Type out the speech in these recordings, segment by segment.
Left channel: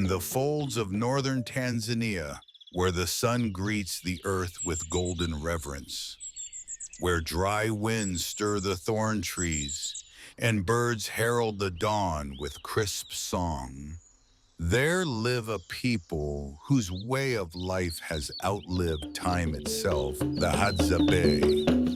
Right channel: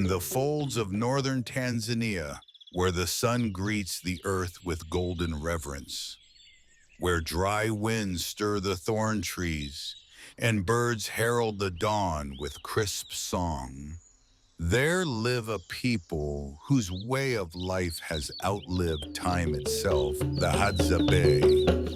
In the folds of northern Tanzania, where the sun greets the earth with golden reverence, where dry winds stir the thorn trees and birds herald the dawn with crisp song, there live a people whose way of life has outlived time itself, the Hadzabe.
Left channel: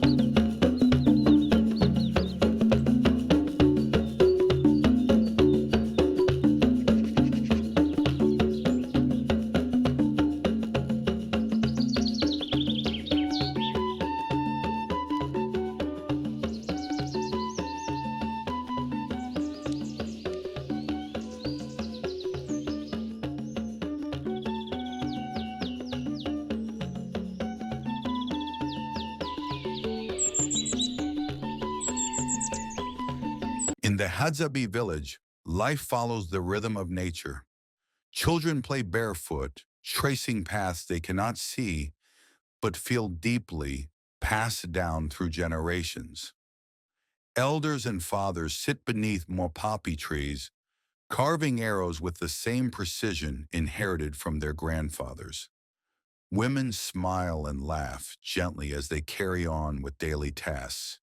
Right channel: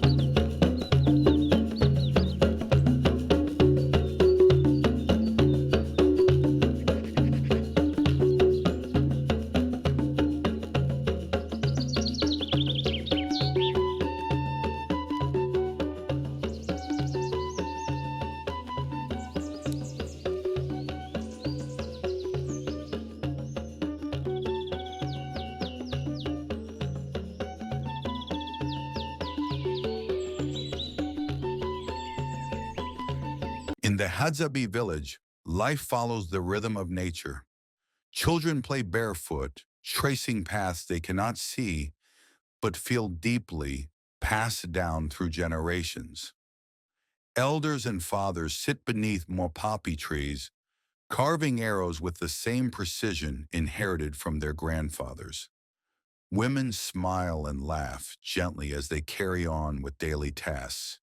In the Hadzabe village, life follows the rhythm of nature. Children play barefoot, tracing paths they cannot see but feel deeply, passed down through generations. Elders and fathers sit beneath mopapi trees, carving arrows with the same precision inherited from their grandfathers. Women smile and laugh gently as they carry on with daily tasks,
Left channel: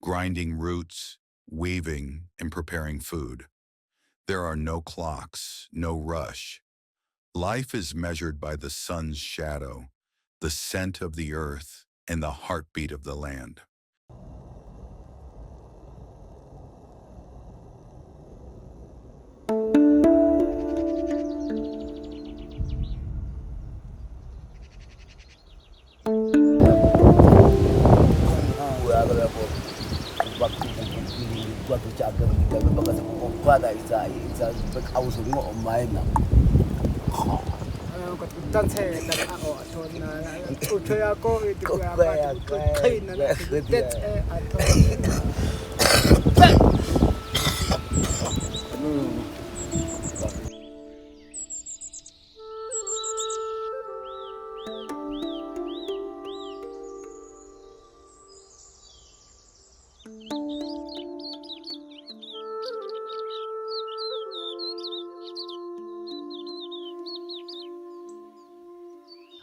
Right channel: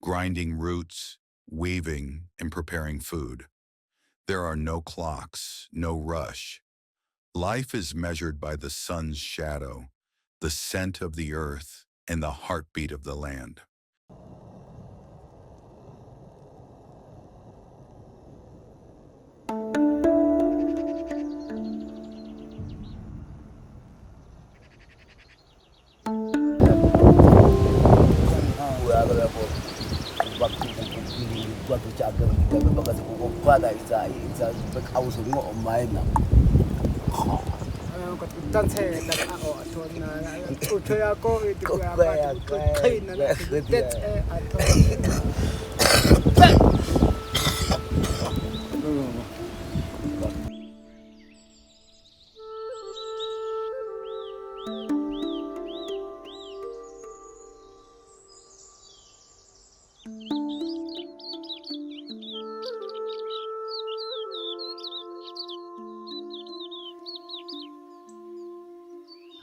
grinding roots, weaving, and preparing food. There are no clocks, no rush. Life is measured by the sun's shadow, the scent of the earth, and the heartbeat of the land.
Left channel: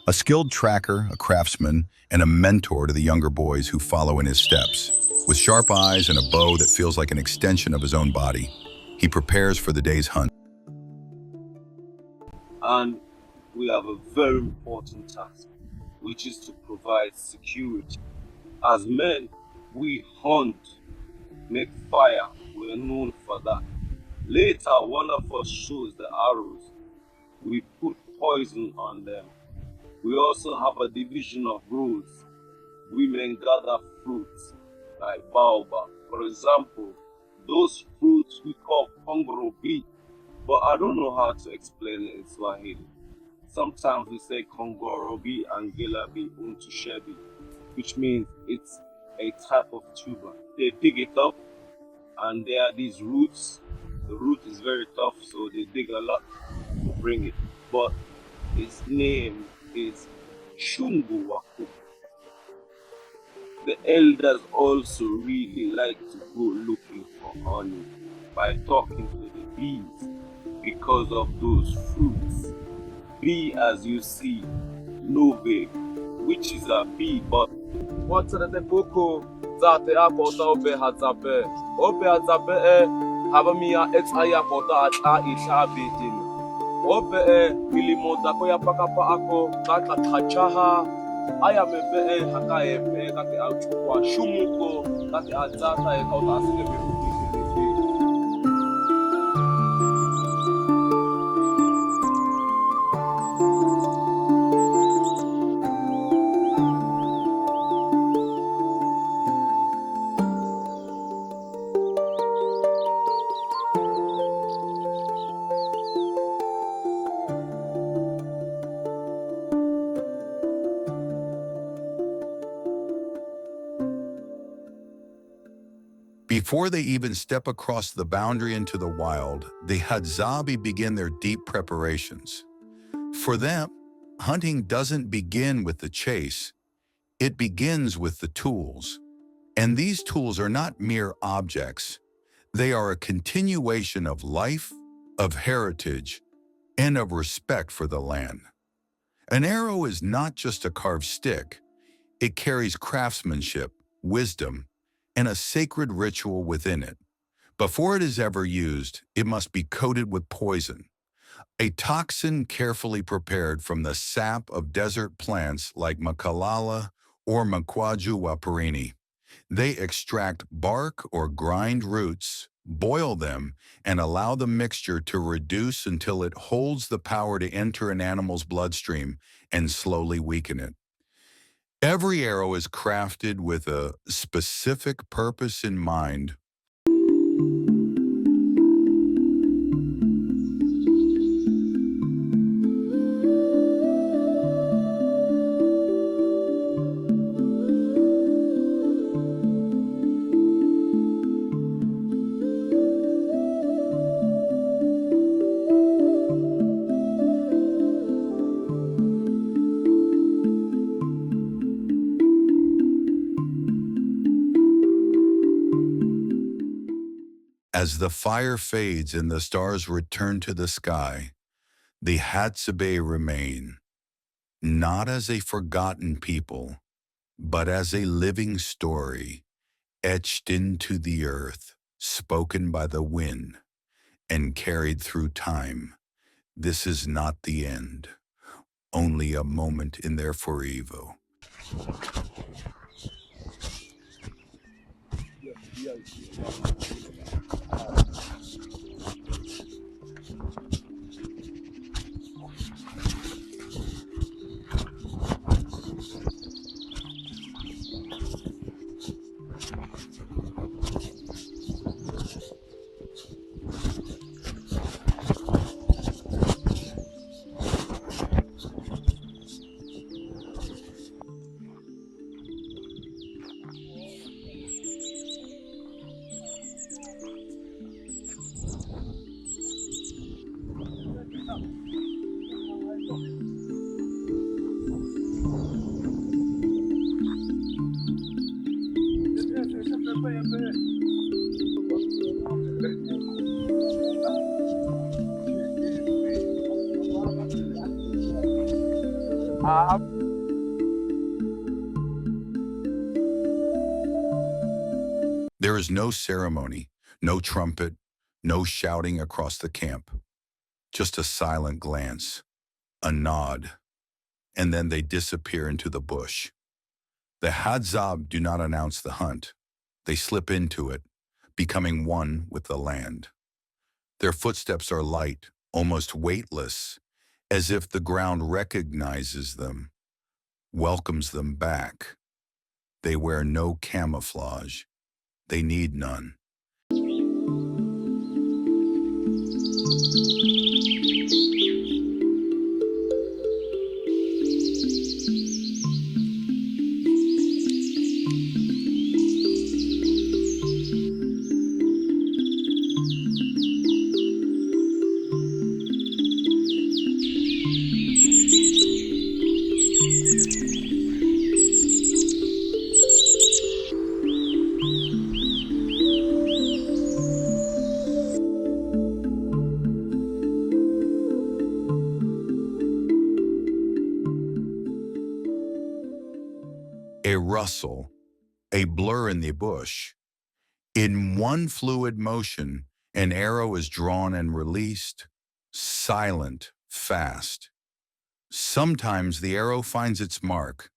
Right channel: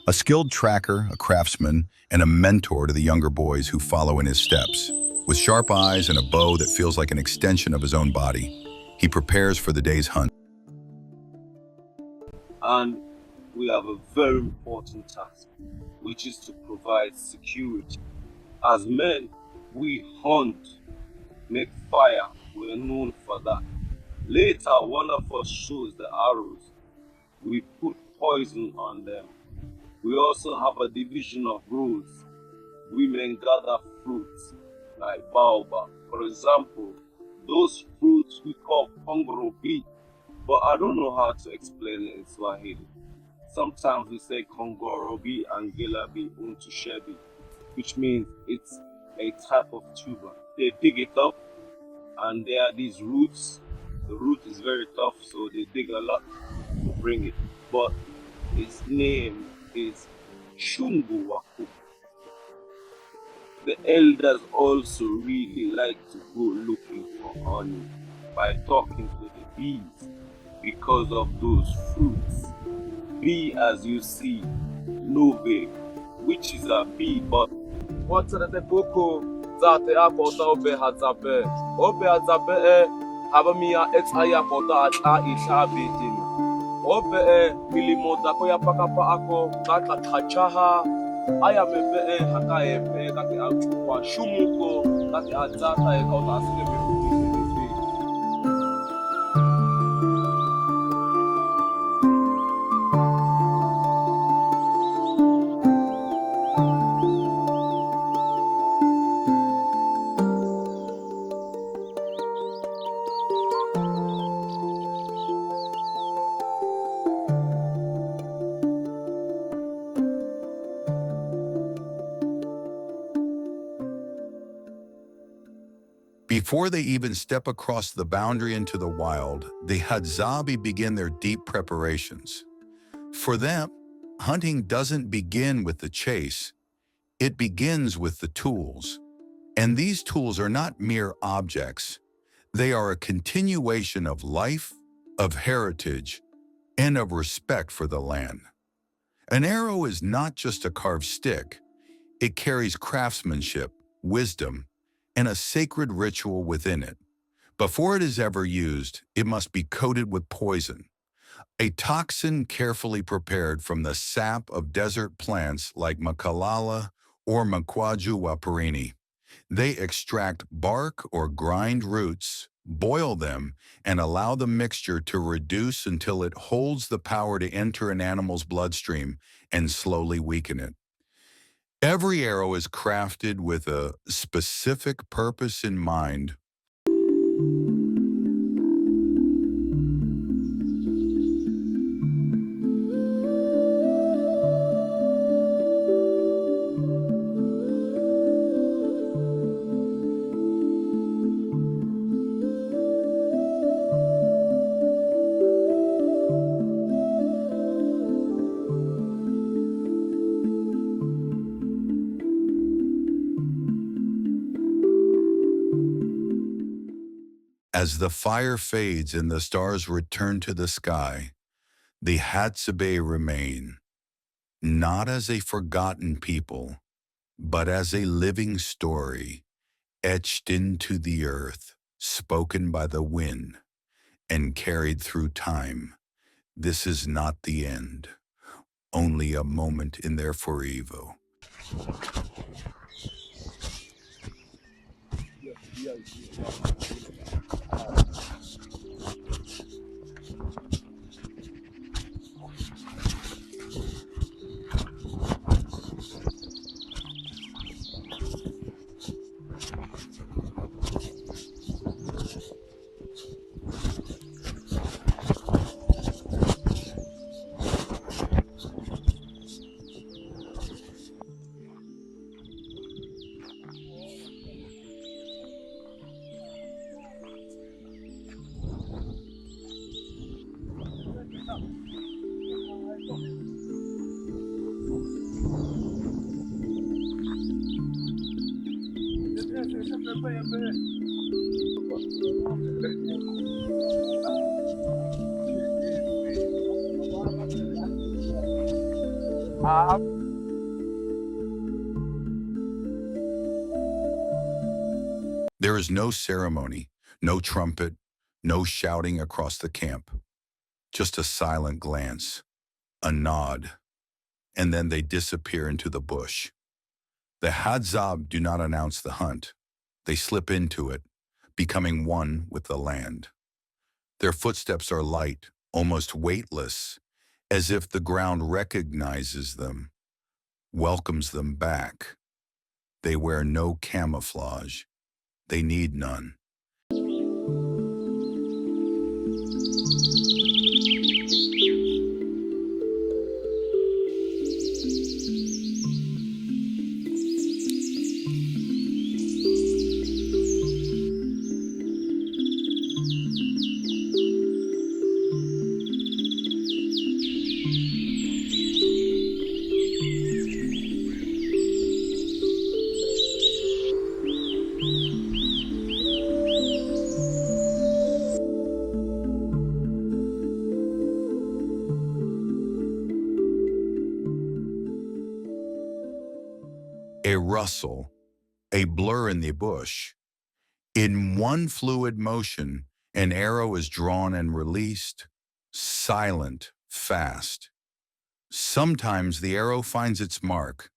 A skilled tracker, a craftsman, and a mentor to the younger boys who follow in his steps. With sharp eyes and a bow that feels like an extension of his own body, he prepares for the day's hunt. And we have a very important task, which is to provide security. As men, we hunt, make fire, we're known for that. Later, one of us shows the arrows. We put poison on them. We also have a division of roles. Women gather fruits, like baobab. For example, those fruits we call kongorobi, but I don't know how to explain it in Swahili. Sometimes we say kongorobi and gilabi untushebi, which means it's a type of tuber. They dig it up, and there are these roots. The root is very tough, so they dig a lot to bring it. But its name is Shunguwaku. The elders also really like to go looking for honey by talking to the bees because of those fruits. Bee, as you see, Nove, which is a bee, but what's the boko zate akota obe Hadzabe. Obe Hadzabe habamia ex ayakota at ishabidin. Obe milimoda koya pakapa ako kata kachaha ayamebe hakae kati auchukwa shumuko kati adzata ekota asile Before they even step across the boundary into the wild, the Hadzabe begin their deep preparations. For them, hunting doesn't begin with the chase, it begins with the tools. And these tools are not mere objects. They are a continuation of life, of heritage, and of respect for the land. An arrow is not just a carved stick. It carries craftsmanship, wisdom, and a sacred ritual within it. Before it is ever used, it must be coated with poison, a toxin carefully prepared from the sap of desert plants like Makalala or Makwaju waparini. They extract bark or grind roots, boil them, and allow the mixture to reduce until it holds the power to enter an animal's bloodstream and slowly weaken it. Every arrow is crafted with a specific purpose in mind. As the fire fades and the stars return to the sky, the Hadzabe remain, not as a forgotten people, but as a living story, etched into the earth, spoken by the wind, and carried through time. This is not the end, only a moment in their forever. There is no ceremony, no trumpet, no shouting across the camp. Just a silent glance, a nod, and then they disappear into the bush. The Hadzabe do not announce the hunt. They slip into it, becoming one with the land. Their footsteps are light, almost weightless, as if the ground recognizes them, welcomes them back. They wear no camouflage. They need none. A rustle, a blur in the bush. In one fluid motion, an arrow is drawn and released, silent, fast. Sometimes the arrow finds its mark.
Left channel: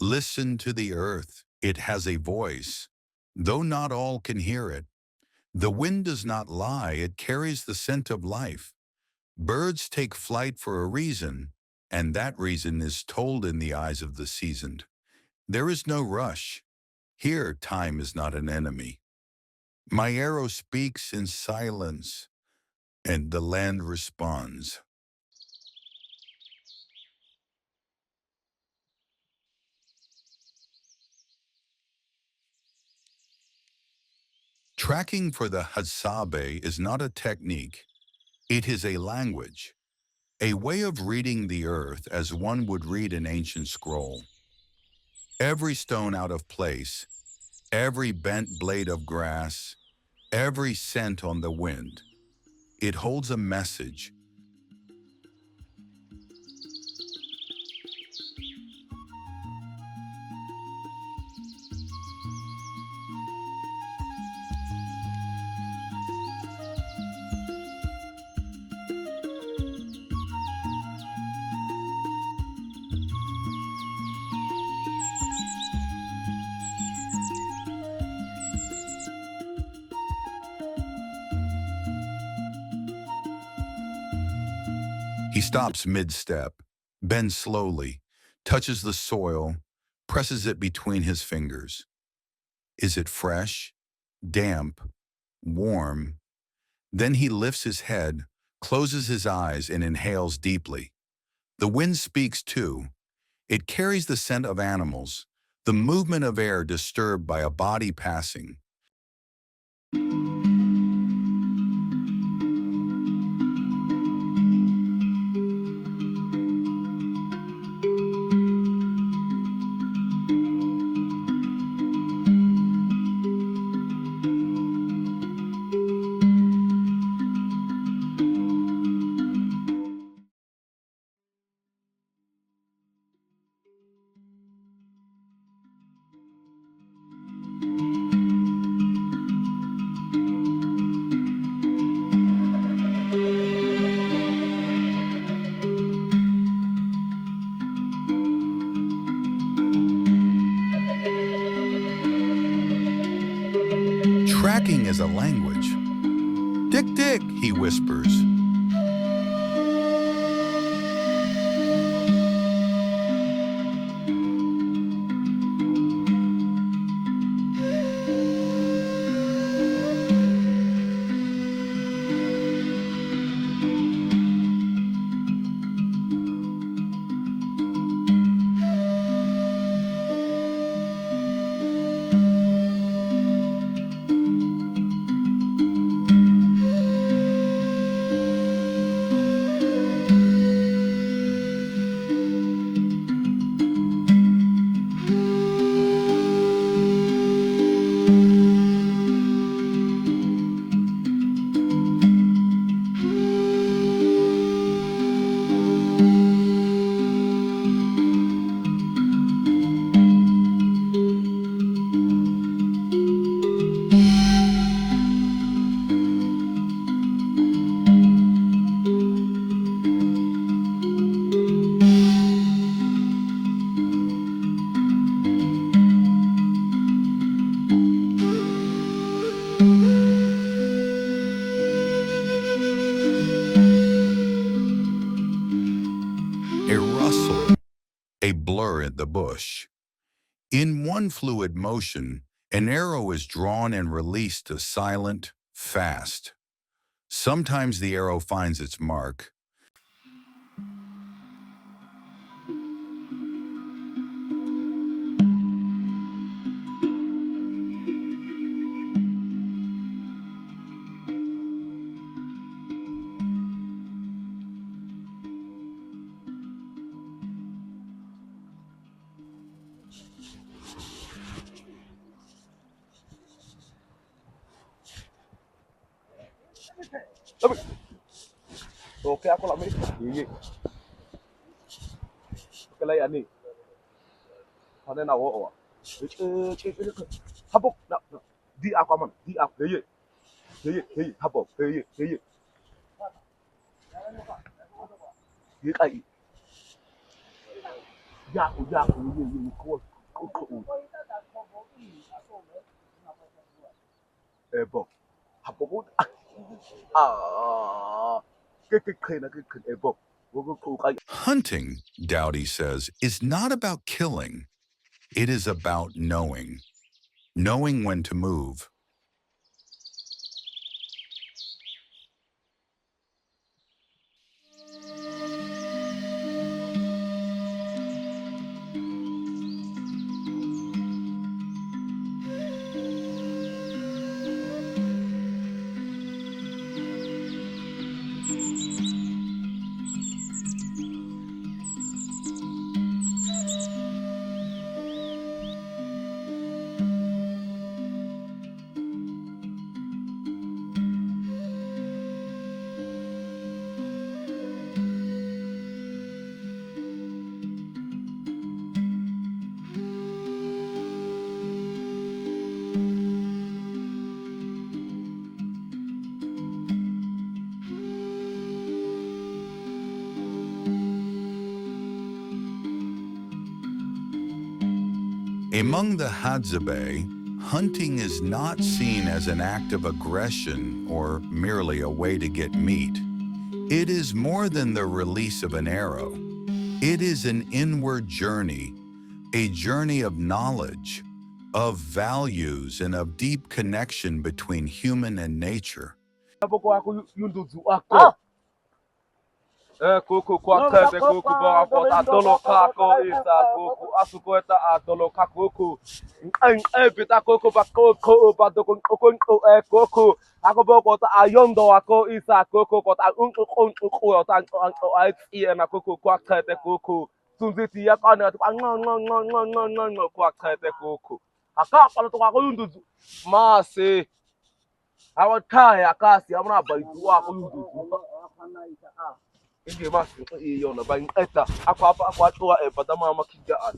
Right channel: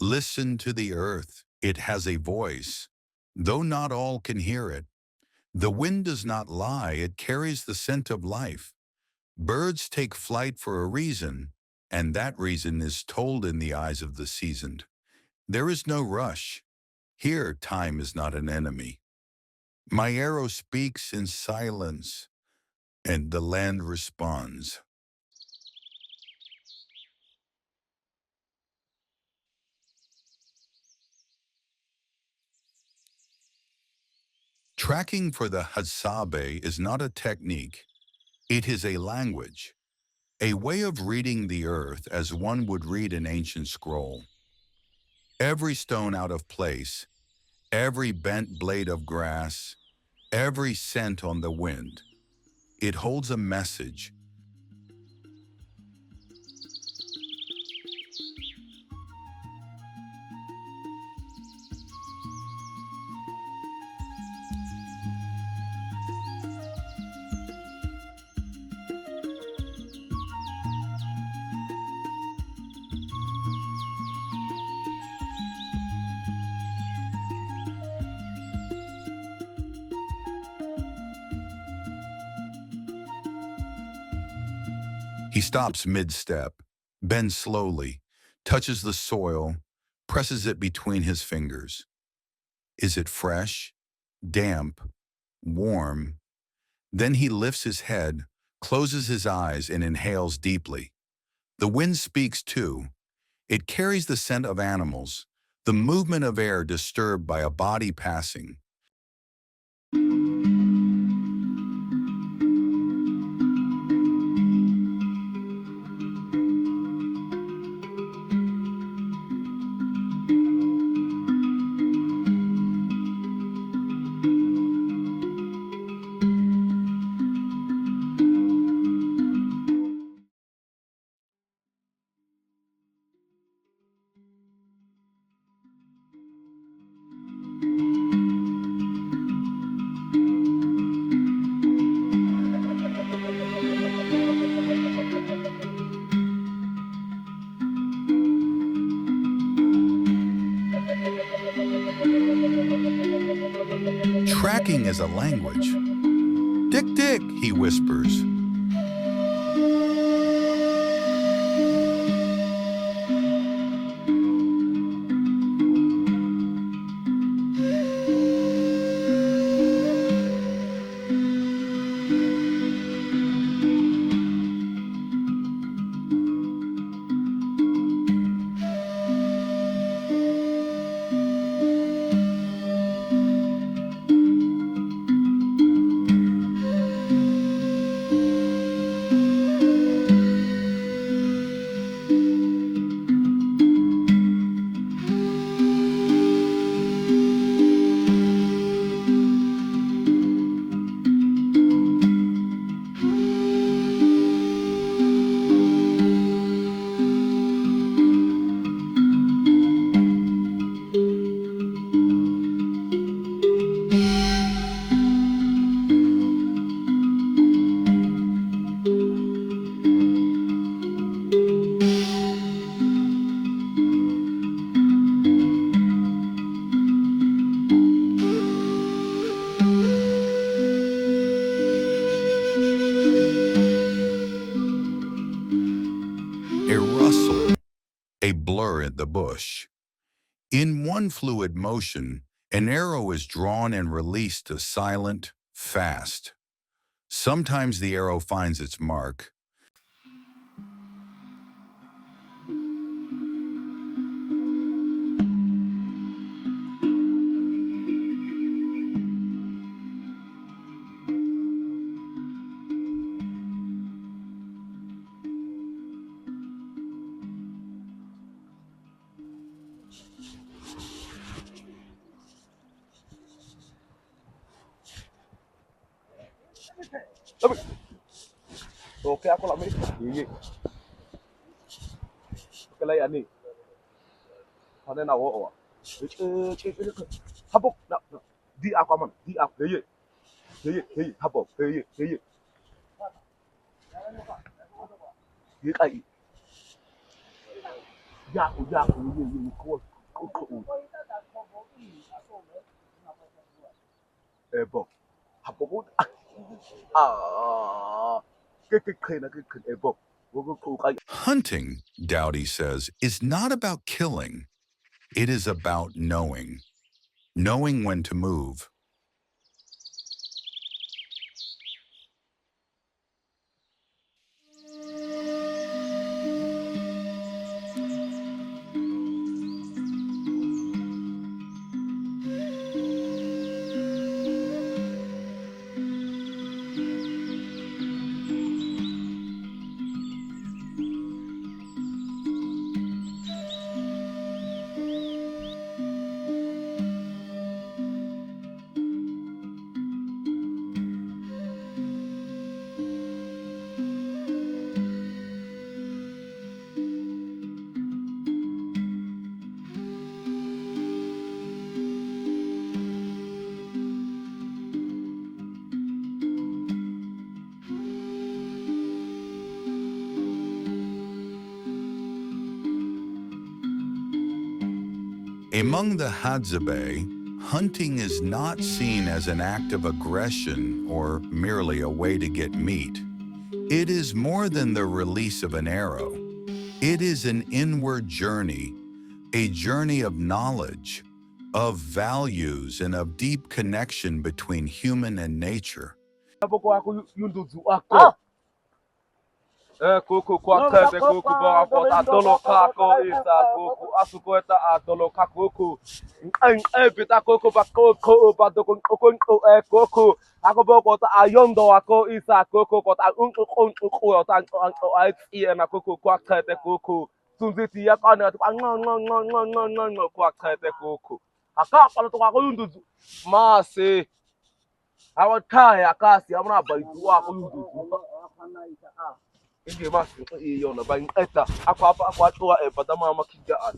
Listen to the earth. It has a voice, though not all can hear it. The wind does not lie. It carries the scent of life. Birds take flight for a reason, and that reason is told in the eyes of the seasoned. There is no rush. Here, time is not an enemy. My arrow speaks in silence, and the land responds. Tracking for the Hadzabe is not a technique. It is a language, a way of reading the earth as one would read an ancient scroll. Every stone out of place, every bent blade of grass, every scent on the wind, it holds a message. He stops mid-step, bends slowly, touches the soil, presses it between his fingers. Is it fresh, damp, warm? Then he lifts his head, closes his eyes, and inhales deeply. The wind speaks too. It carries the scent of animals, the movement of air disturbed by a body passing. Tracking is a language. Dick, dick, he whispers. A rustle, a blur in the bush. In one fluid motion, an arrow is drawn and released to silent, fast. Sometimes the arrow finds its mark. Okay, ako lang may Kalay ani. Ano na oo. Habok na. Di ako man. Di ako hey. Habok. Hey. Di kai. Ebo. Habobot. Ebo. Hunting, Dowdy says, is not about killing. It is about knowing. Knowing when to move. Among the Hadzabe, hunting is not seen as an act of aggression or merely a way to get meat. It is more than the release of an arrow. It is an inward journey, a journey of knowledge, of values, and of deep connection between human and nature. Kuku kwa kete kuku bara kota dolo kako isa kuku asuko eta adolo kakuku bita kuku ba kuku ba doko kuku kuku ako ba kota ayondo ako isa kuku kota ota na kuku kwa kete kuku tunziti ya kana kwa kete kuku aka pala to ako yunduzu mase awataya kasi amna baitu ako yunduzu Hindi mas iyo na bang eta ako ato pada mama kigaan.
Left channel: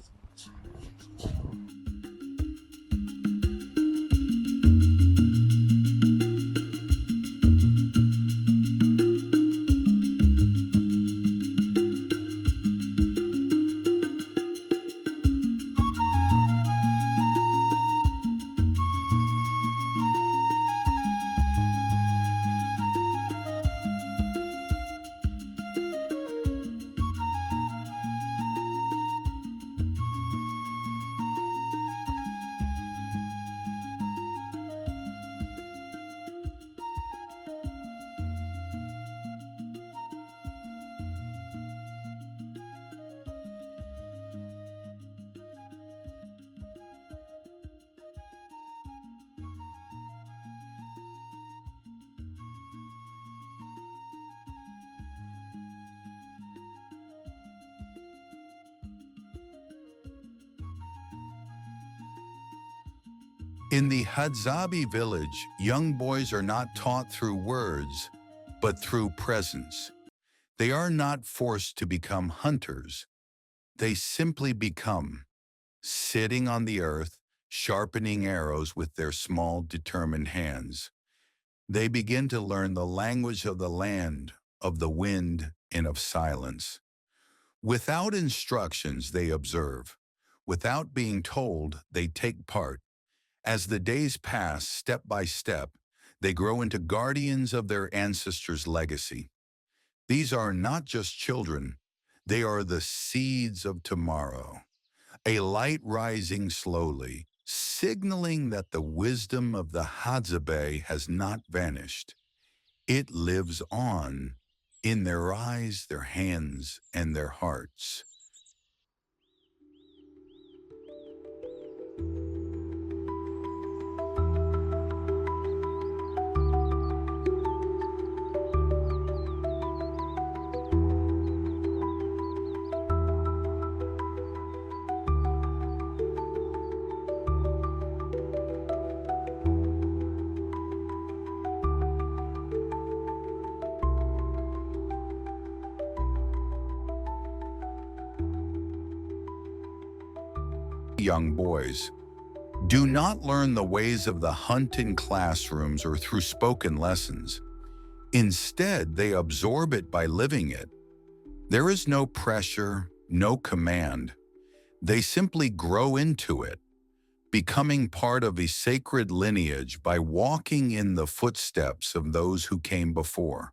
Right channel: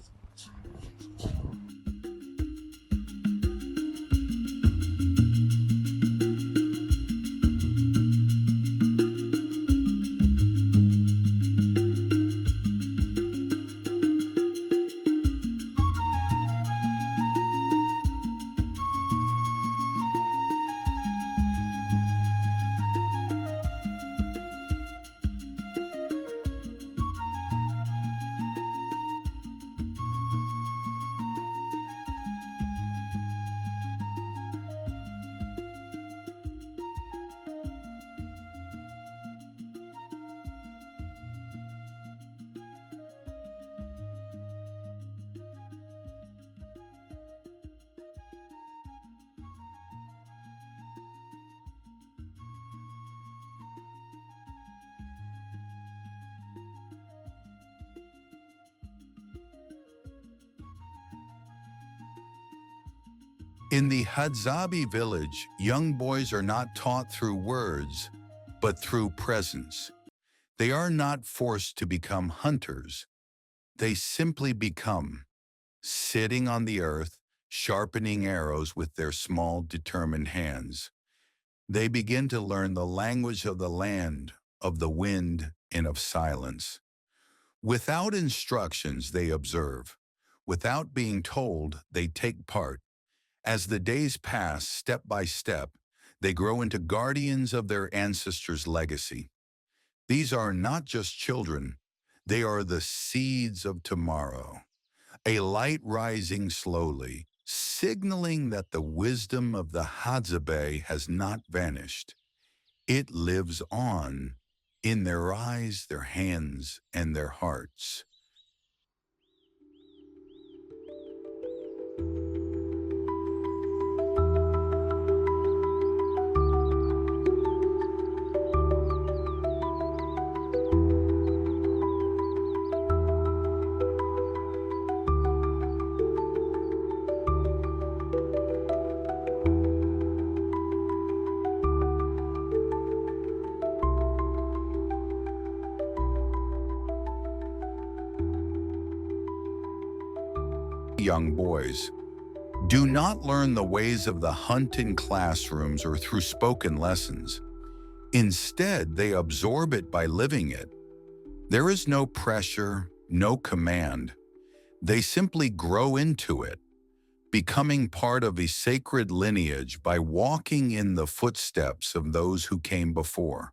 In the Hadzabe village, young boys are not taught through words, but through presence. They are not forced to become hunters. They simply become, sitting on the earth, sharpening arrows with their small, determined hands. They begin to learn the language of the land, of the wind, and of silence. Without instructions, they observe. Without being told, they take part. As the days pass, step by step, they grow into guardians of their ancestors' legacy. These are not just children, they are the seeds of tomorrow, a light rising slowly, signaling that the wisdom of the Hadzabe has not vanished. It lives on in their eyes, their hands, and their hearts. Young boys, do not learn the ways of the hunt in classrooms or through spoken lessons. Instead, they absorb it by living it. There is no pressure, no command. They simply grow into it, becoming part of a sacred lineage by walking in the footsteps of those who came before.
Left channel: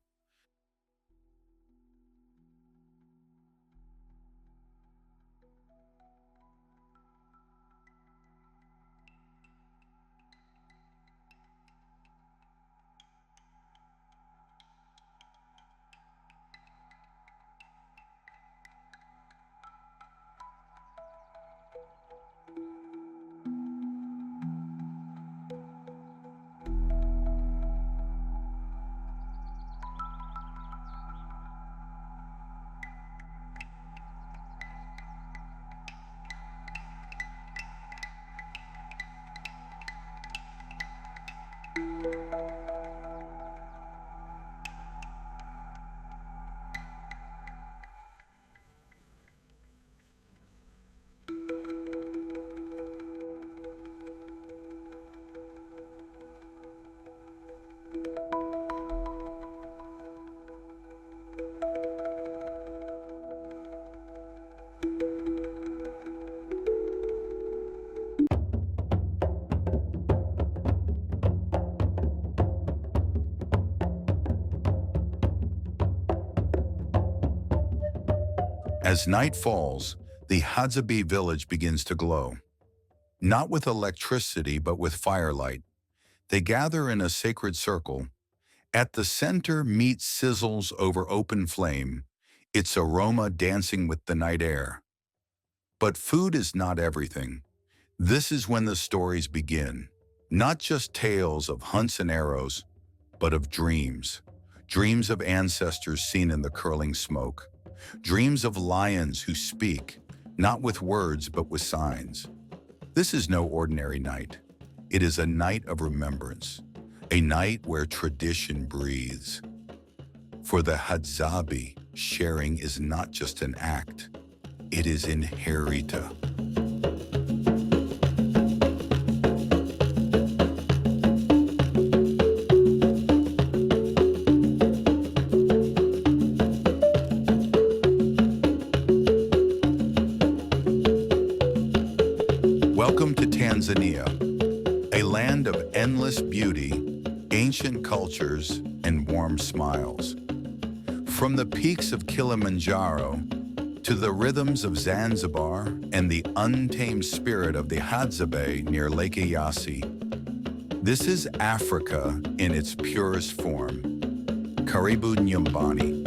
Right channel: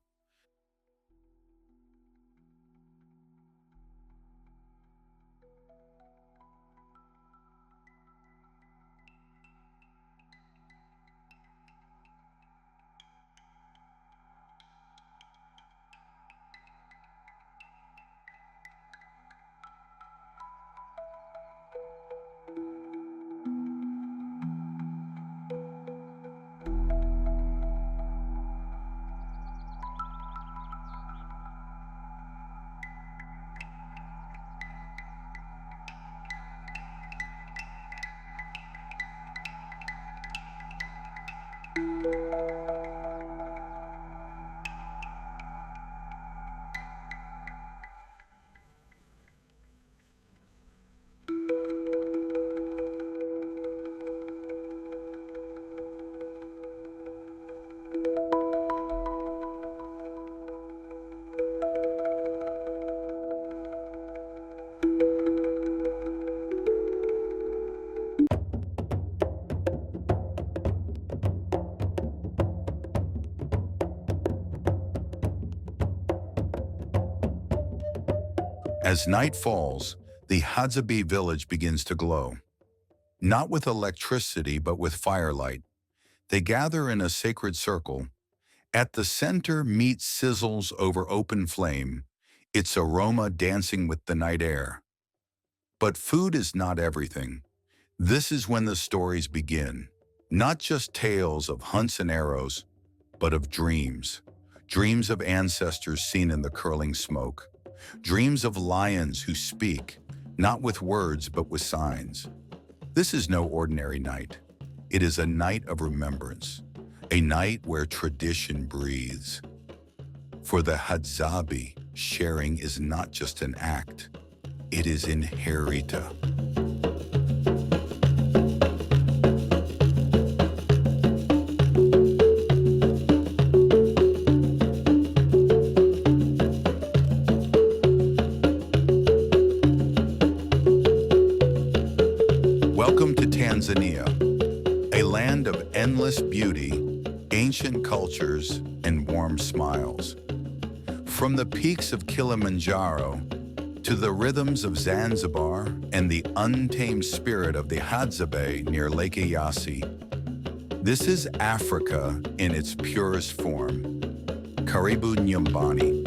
As night falls, the Hadzabe village begins to glow. Not with electricity, but with firelight. They gather in a sacred circle. At the center, meat sizzles over open flame, its aroma dancing with the night air. But food is not everything. This is when the stories begin. Not just tales of hunts and arrows, but of dreams. Dreams of ancestors seen in the curling smoke. Dreams of lions who speak, not with words, but with signs. This is no ordinary night. It is a night of remembrance, a night where tradition breathes. For the Hadzabe, sharing is not just an act, it is inherita. Welcome to Tanzania, a land of endless beauty, ancient cultures, and warm smiles. From the peaks of Kilimanjaro to the rhythms of Zanzibar and the untamed spirit of the Hadzabe near Lake Eyasi, this is Africa in its purest form. Karibu Nyumbani.